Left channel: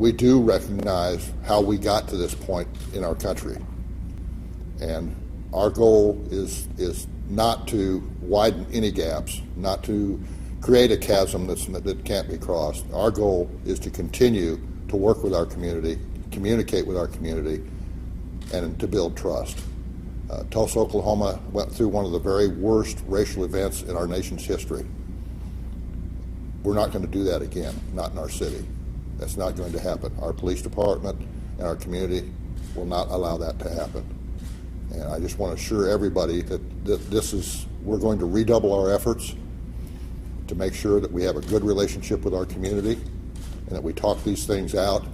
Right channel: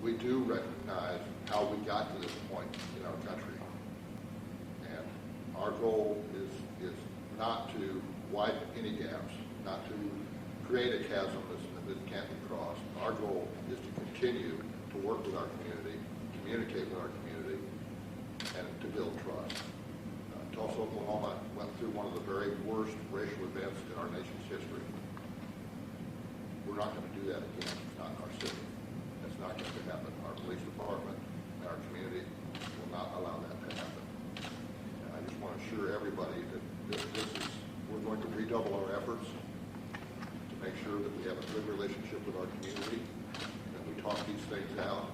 we do recognize how we got to this point in our country. And our goal is not to widen any gaps, not to create a chasm that can't be crossed. Our goal is to continue to work with our community, communicate with our community, and to build trust. Tulsa, Oklahoma went through one of the very worst racial events in our nation's history. We're not going to do that again, not in our city. That's not going to happen. Our police department and our community will not allow that to happen. And I just want to assure everybody that we're going to redouble our efforts to make sure that we have a good relationship with our community and that we talk these things out.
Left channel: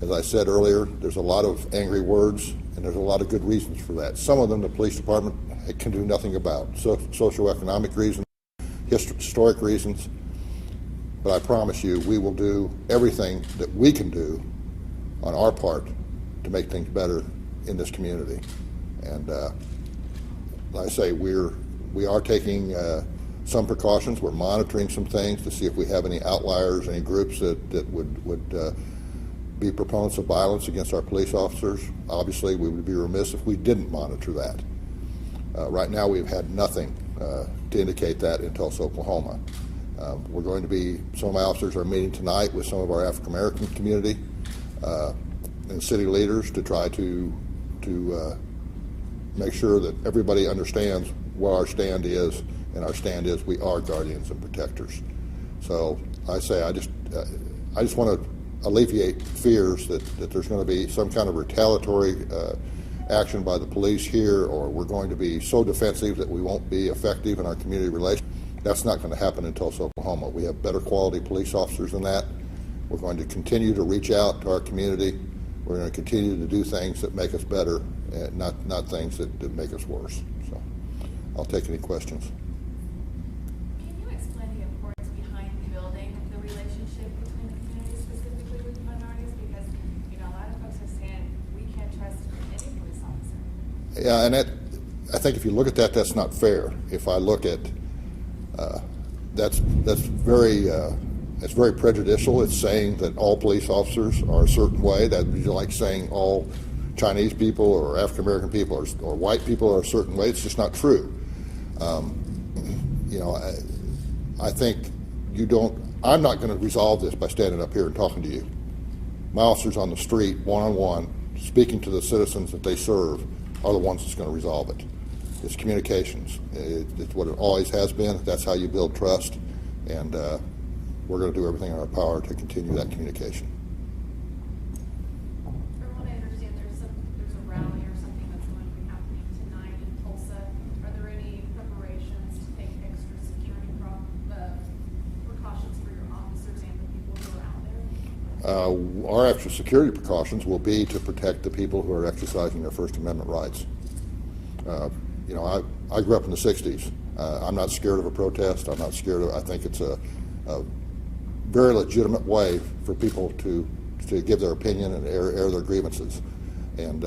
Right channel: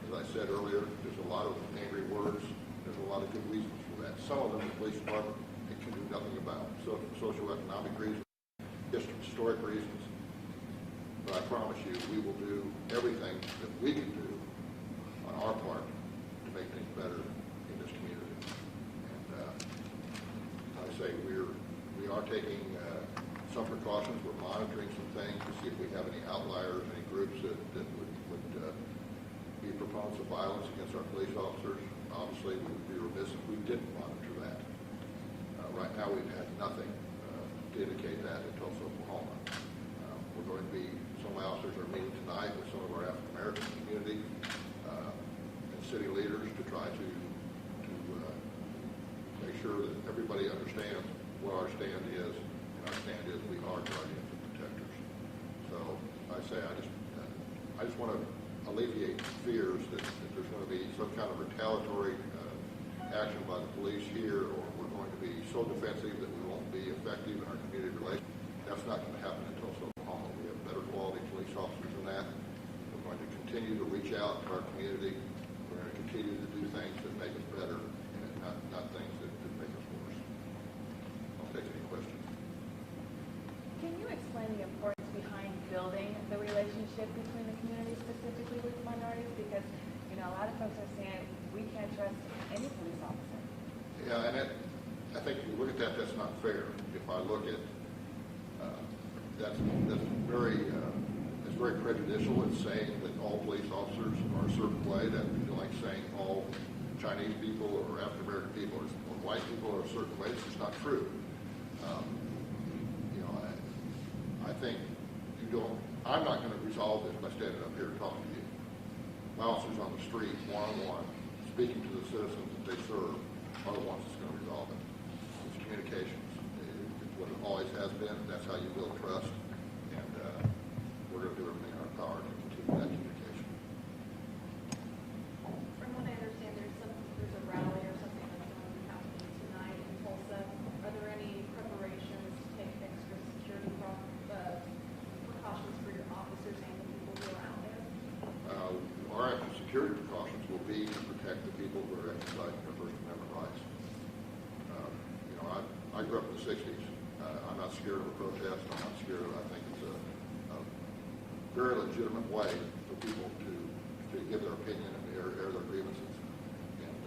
As I said earlier, there's a lot of angry words and there's a lot of good reasons for that. Some of them the police department can do nothing about. So socioeconomic reasons, historic reasons. But I promise you, we will do everything that we can do on our part to make things better in this community. And like I say, we are taking some precautions. We're monitoring some things to see if we have any outliers, any groups that would be proponents of violence against our police officers. Obviously, we would be remiss if we didn't monitor that. Right now, we've had nothing to indicate that in Tulsa, Oklahoma. We're going to be, some of my officers are meeting tonight with some of our African American community and city leaders to try to make sure that everybody understands what our stand is, and our stand is we are guardians and protectors. So I say I just want to alleviate fears that there's going to be some kind of retaliatory action by the police here, or we're going to be so defensive that we won't be effective in our community relations. That's not going to happen in Tulsa, Oklahoma. We have better quality police officers than that. We're going to continue to reach out to our community. We're going to continue to do things that make us better, and not things that make us worse. So I'll take any questions. Can you explain the importance behind building the relationship between the community, specifically with minorities? Because, you know, a lot of folks are saying we can't trust any police officer. Yeah, and I think if you look at that, that's not fair. If I look at that's very prejudicial. It's saying that all police officers are a certain way. That would be like saying all Chinese people or African American people or white people are a certain way. It's just not true. You know, I think you don't. I'm not going to resolve this by standing up here and talking to you. My officers on the street, one-on-one, speaking to the citizens that they serve, are the ones that's going to resolve it. It's communications. It's what it always has been. That's how you build trust, and we're going to do everything in our power to continue that communication. From what I understand, there's a rally or something that's going to be happening tonight in Tulsa. Are there any preparations to take extra security precautions for your officers and the people who are out there? Our extra security precautions will be to protect the people who are exercising their First Amendment rights. You know, I grew up in the 60s. I'm not scared of a protest. I'm not scared of, I think it's a very legitimate way for people to give their opinion and air their grievances. And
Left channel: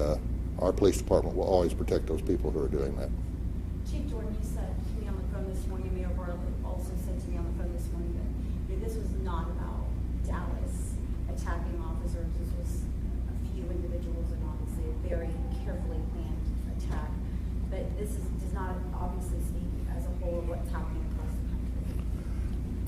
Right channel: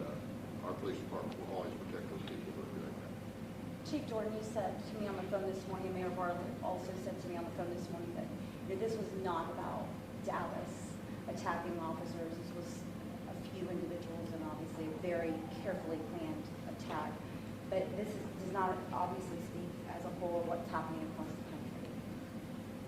our police department will always protect those people who are doing that. Chief Jordan, you said to me on the phone this morning, Mayor Bartlett also said to me on the phone this morning that this was not about Dallas attacking officers. This was a few individuals and obviously a very carefully planned attack. But this does not obviously speak as a whole of what's happening across the country.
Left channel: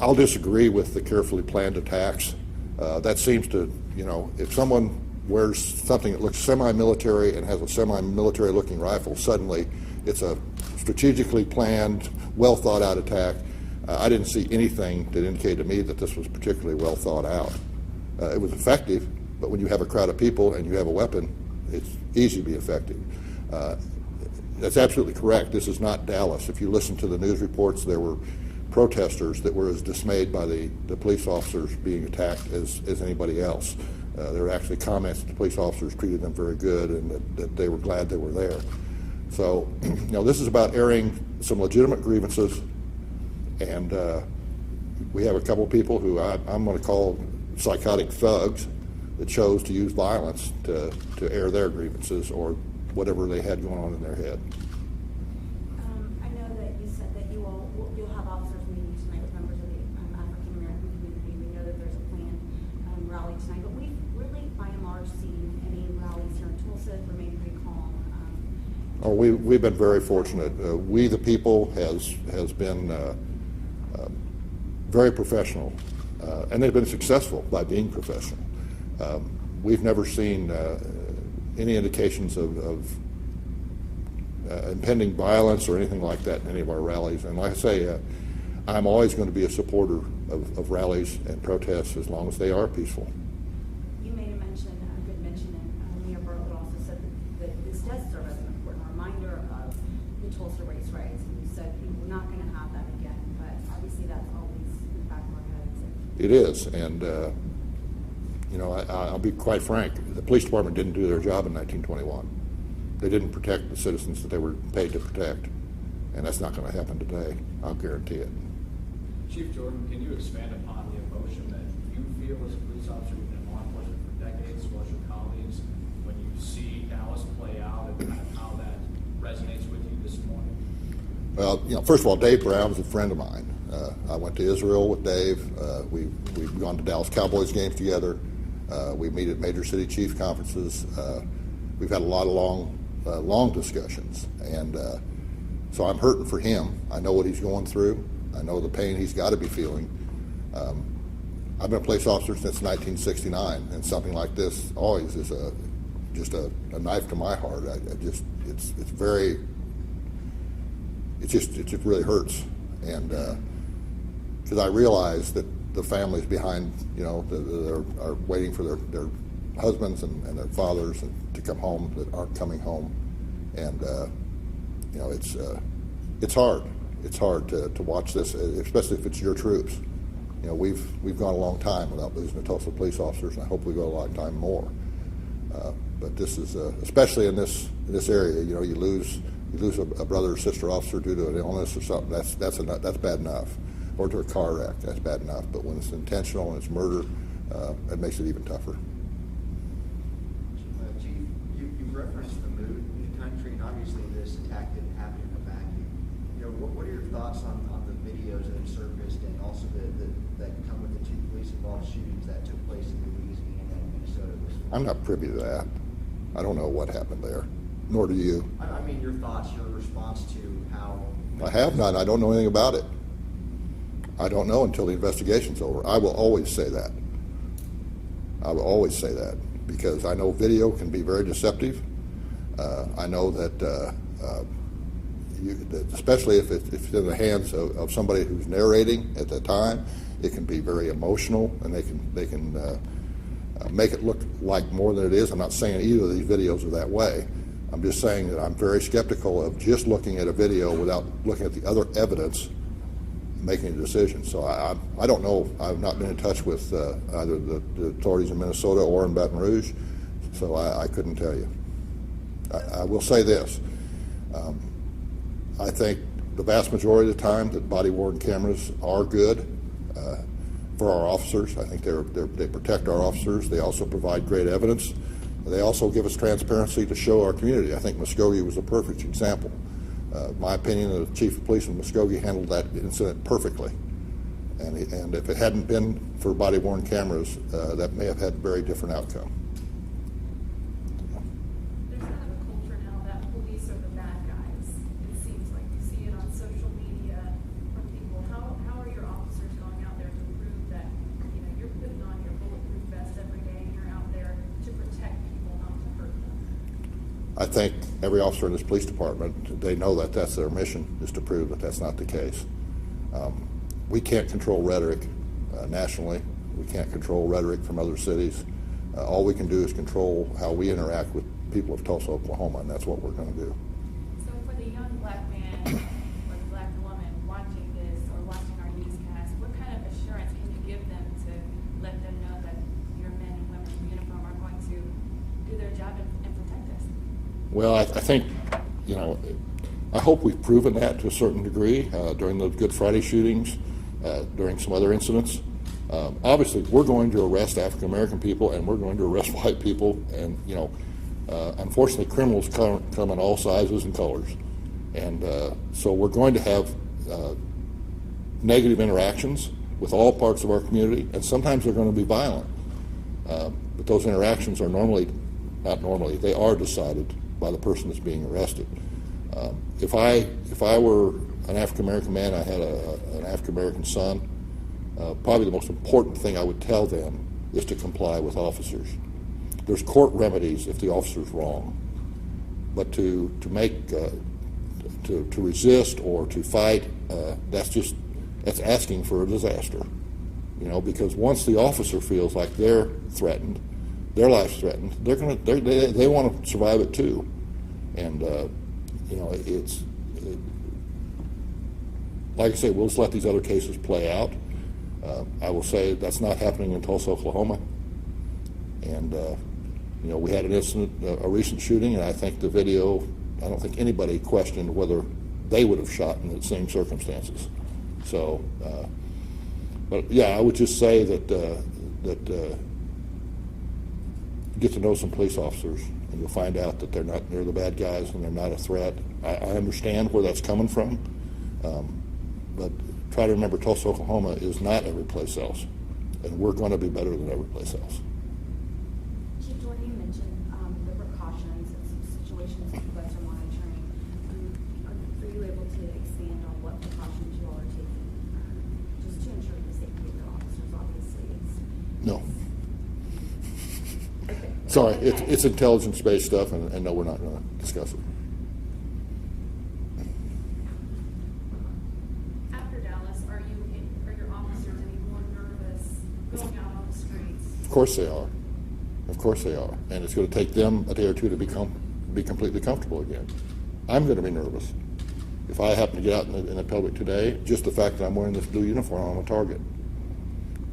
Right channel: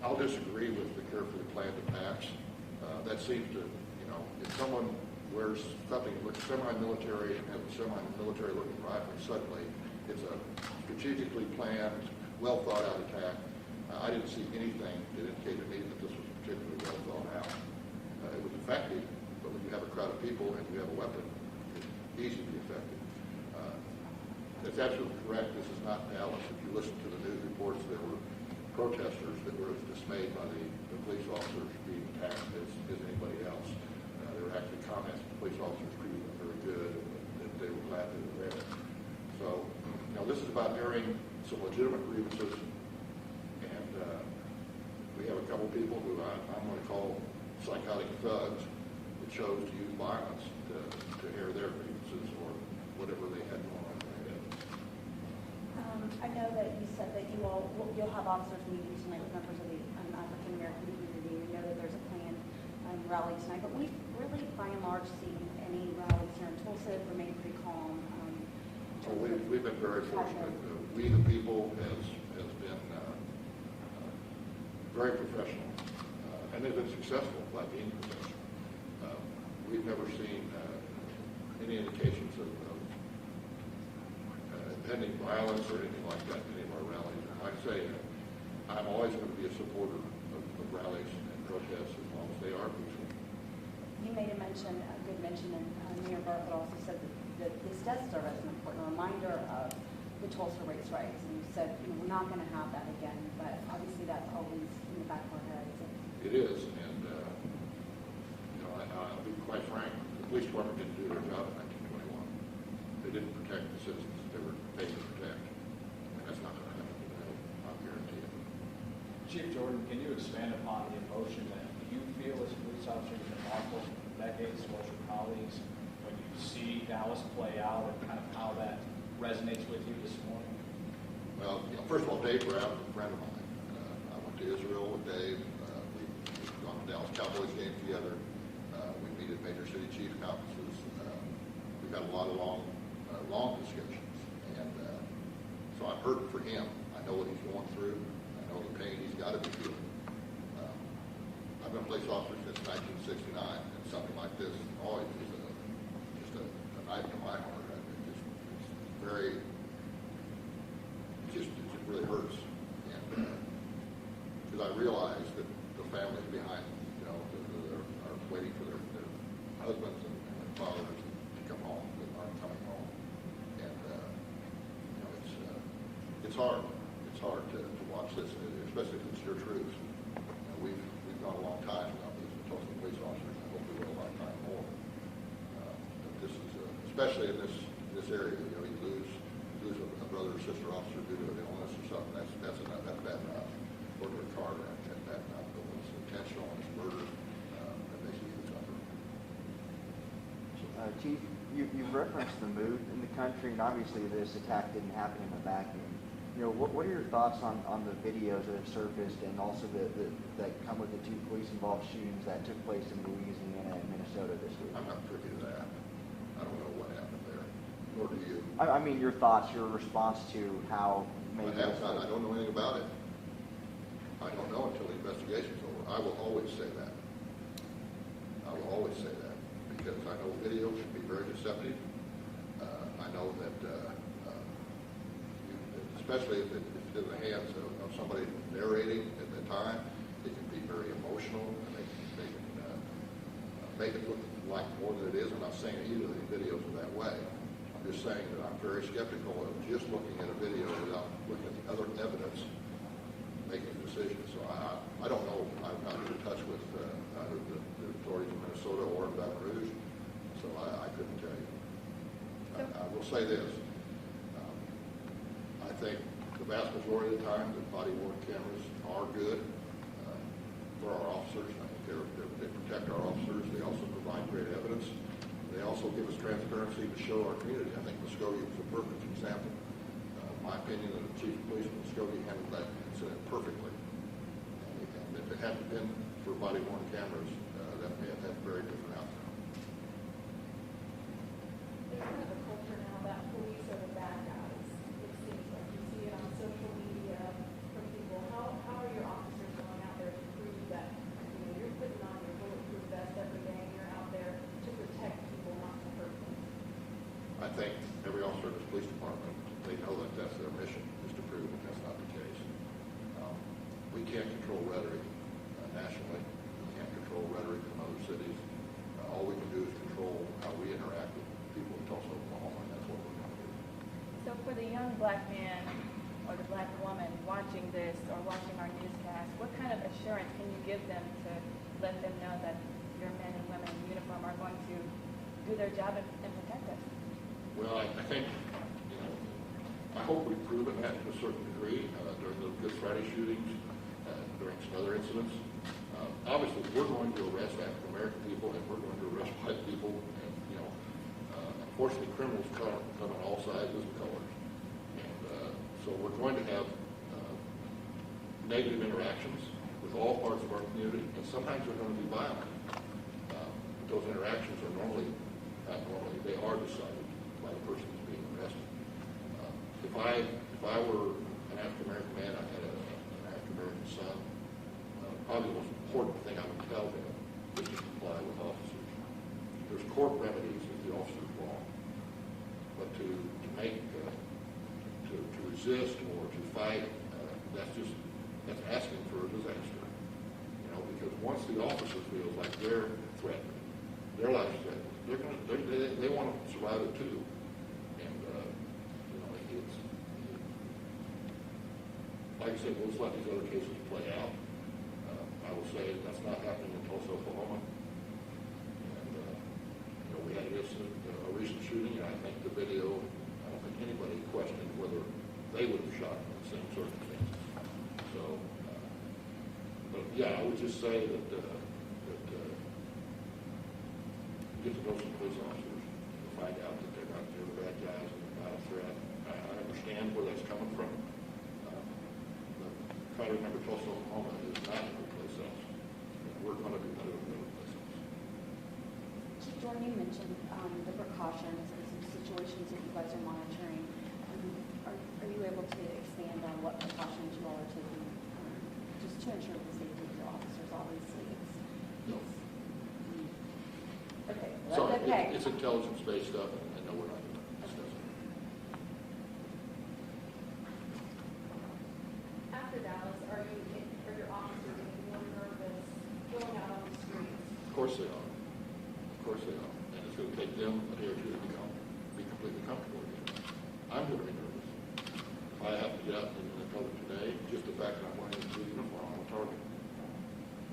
I'll disagree with the carefully planned attacks. That seems to, you know, if someone wears something that looks semi-military and has a semi-military looking rifle, suddenly it's a strategically planned, well thought out attack. I didn't see anything that indicated to me that this was particularly well thought out. It was effective, but when you have a crowd of people and you have a weapon, it's easy to be effective. That's absolutely correct. This is not Dallas. If you listen to the news reports, there were protesters that were as dismayed by the police officers being attacked as anybody else. There were actually comments that the police officers treated them very good and that they were glad they were there. So, you know, this is about airing some legitimate grievances, and we have a couple people who I'm going to call psychotic thugs that chose to use violence to air their grievances or whatever they had going on in their head. I know that you said that you'll have officers meeting tonight with members of the African American community. We know that there's a planned rally tonight, but we've seen any rallies here in Tulsa, remained pretty calm. Oh, we've been very fortunate. We, the people, has been very professional, and they've been successful by being professional. We've never seen any indications of impending violence or anything like that in any of our rallies. And like I say, I'm always going to be a supporter of rallies and protests as long as they are peaceful. You made a good mention, and Mayor Bartlett also said that this does serve as an important reminder of the Tulsa race riots. And you said, we're not going to have that again, but obviously that's always in the back of our heads. It is, and I'll be quite frank, the police department didn't do their job in 1921. They didn't protect the citizens that they were paid to protect, and that's not going to happen today, I'll guarantee it. Chief Jordan, can you expand upon the emotion that you feel as a police officer, you've been law enforcement for decades, as well as your colleagues, when you see Dallas play out, and kind of how that resonates with you this morning? Well, first of all, Dave Brown is a friend of mine. I went to Israel with Dave. We've gone to Dallas Cowboys games together. We meet at major city chief conferences. We've had a lot of long discussions, and so I'm hurting for him. I know what he's going through. I know the pain he's got to be feeling. I've been a police officer since 1969, and something like this always is just a knife to my heart. It just really hurts, and because I realize that the families behind, that are waiting for their husbands and their fathers to come home that aren't coming home, and it's hard. It's hard to watch this, especially if it's your troops. We've gone a long time without losing the Tulsa police officers, and I hope we go a long time more. But this is especially in this area. You lose a brother or sister officer due to an illness or something. That's bad enough, or to a car wreck. That's bad enough. But when it's intentional and it's murder, it makes it even tougher. Chief, you've referenced the mood in the country, and obviously this attack didn't happen in a vacuum. What are your thoughts on the videos that have surfaced, and also that come with the two police-involved shootings that took place in Louisiana and Minnesota this week? I'm not privy to that. I don't know what happened there, nor do you. I mean, your thoughts, your response to how... I have not. I don't know anything about it. I don't know until the investigation's over. I will always say that. I will always say that, because I know video can be very deceptive. I know that, especially if it's in the hands of somebody who's narrating at the time, it can be very emotional, and they can make it look like more than it is. I'm not saying either of these videos are that way. I'm just saying that I'm very skeptical of just looking at a video without looking at the other evidence, making a decision. So I don't know. I've not been in touch with either the authorities in Minnesota or in Baton Rouge, so I couldn't tell you. I will say this. I think the vast majority of the time that body-worn cameras are good for our officers. I think they protect our officers. They also provide great evidence. They also give us transparency to show our community. I think Muskogee was a perfect example. My opinion, the chief of police in Muskogee handled that incident perfectly. And if it hadn't been for body-worn cameras, that may have had a very different outcome. There's kind of a culture now that police are the bad guys. It seems like you see it on social media from people. How are your officers going out there to prove that you're putting on your bulletproof vest every day, you're out there to protect people, not to hurt them? I think every officer in this police department, they know that that's their mission, is to prove that that's not the case. We can't control rhetoric nationally. We can't control rhetoric from other cities. All we can do is control how we interact with people of Tulsa, Oklahoma, and that's what we're going to do. So for the young black man or the black woman watching this or watching our newscast, what kind of assurance can you give them to let them know that your men and women in uniform are going to do their job and protect us? Well, I think, I hope we've proven that to a certain degree during the Good Friday shootings, during some other incidents. Obviously, we're going to arrest African American people, and we're going to arrest white people, and unfortunately, criminals come in all sizes and colors, and so we're going to have negative interactions with all parts of our community, and sometimes they're going to be violent. But those interactions are normally, not normally, they are decided by the person that's being arrested. If I were an African American man, I had an African American son, probably the most important thing I would tell them is to comply with officers. There's court remedies if the officer's wrong, but to resist or to fight, that's asking for a disaster. You know, because once the officer feels like they're threatened, their life's threatened, they want to survive it too. And you know, like I say, we'll just let these other cases play out. I will say that's not happening in Tulsa, Oklahoma. And you know, we had an incident, a recent shooting, and I think the video, I don't think anybody questioned whether they would have shot in the same circumstances. So, but yeah, I would just say that get to know some police officers, and you'll find out that they're not near the bad guys and they're not a threat. I understand where that's coming from, but try to remember Tulsa, Oklahoma is not every place else, and we're going to be better than every place else. Chief Jordan, you mentioned the precautions and some situations that you guys are monitoring. Are you able to expand on what precautions you all are taking, just to ensure the safety of your officers? Obviously, No. Okay. Sorry, Okay. it's intelligence-based stuff, and no, we're not going to discuss it. After Dallas, are your officers any more nervous going out on the streets? Of course they are. Of course they are. And it's going to take them a day or two to be completely comfortable again. I'm going to be nervous. If I happen to get out in the public today, just the fact that I'm wearing this blue uniform, I'm a target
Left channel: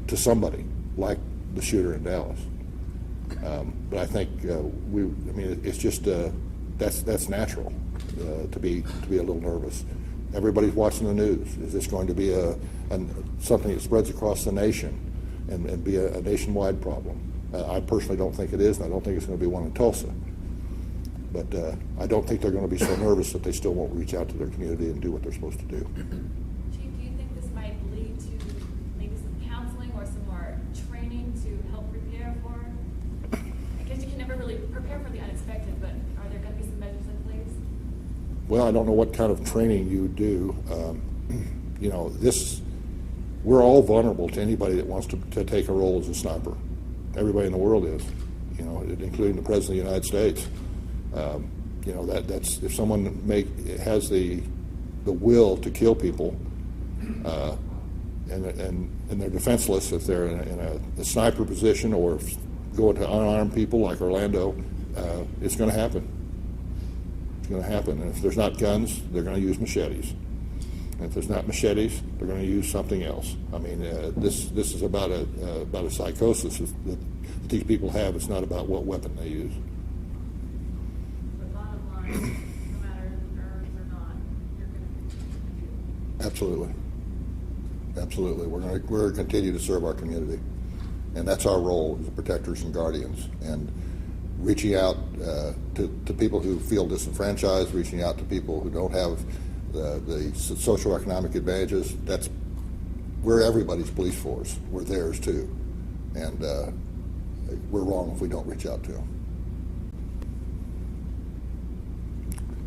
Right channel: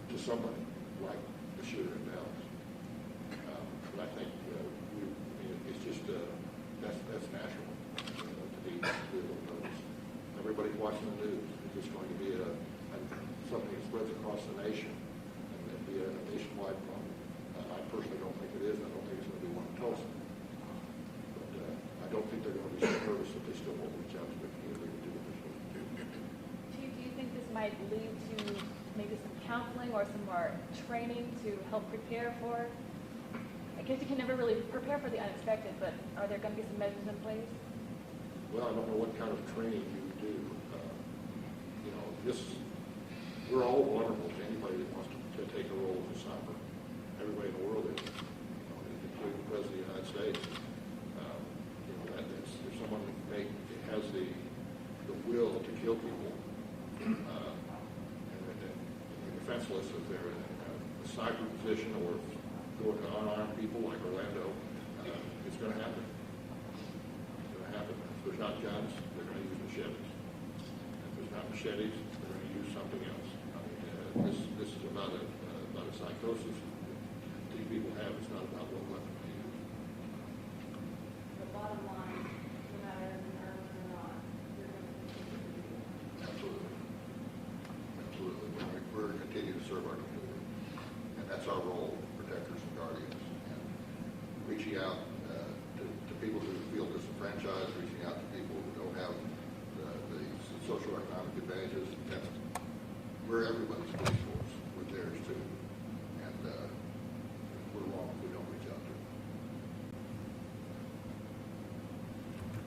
to somebody, like the shooter in Dallas. But I think it's just that's natural to be a little nervous. Everybody's watching the news. Is this going to be something that spreads across the nation and be a nationwide problem? I personally don't think it is, and I don't think it's going to be one in Tulsa. But I don't think they're going to be so nervous that they still won't reach out to their community and do what they're supposed to do. Chief, do you think this might lead to maybe some counseling or some more training to help prepare for? I guess you can never really prepare for the unexpected, but are there going to be some measures in place? Well, I don't know what kind of training you do. You know, we're all vulnerable to anybody that wants to take a role as a sniper. Everybody in the world is, you know, including the President of the United States. You know, that's if someone has the will to kill people, and they're defenseless, if they're in a sniper position or go to unarmed people like Orlando, it's going to happen. It's going to happen. And if there's not guns, they're going to use machetes. And if there's not machetes, they're going to use something else. I mean, this is about a psychosis that these people have. It's not about what weapon they use. The bottom line, no matter nerves or not, you're going to Absolutely. Absolutely. We're going to continue to serve our community. And that's our role as protectors and guardians. And reaching out to people who feel disenfranchised, reaching out to people who don't have the social economic advantages, we're everybody's police force. We're theirs too. And we're wrong if we don't reach out to them.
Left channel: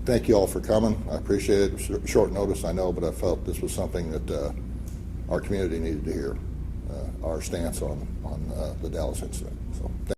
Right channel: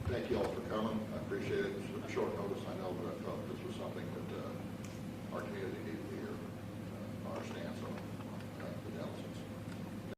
Thank you all for coming. I appreciate it. Short notice, I know, but I felt this was something that our community needed to hear, our stance on the Dallas incident.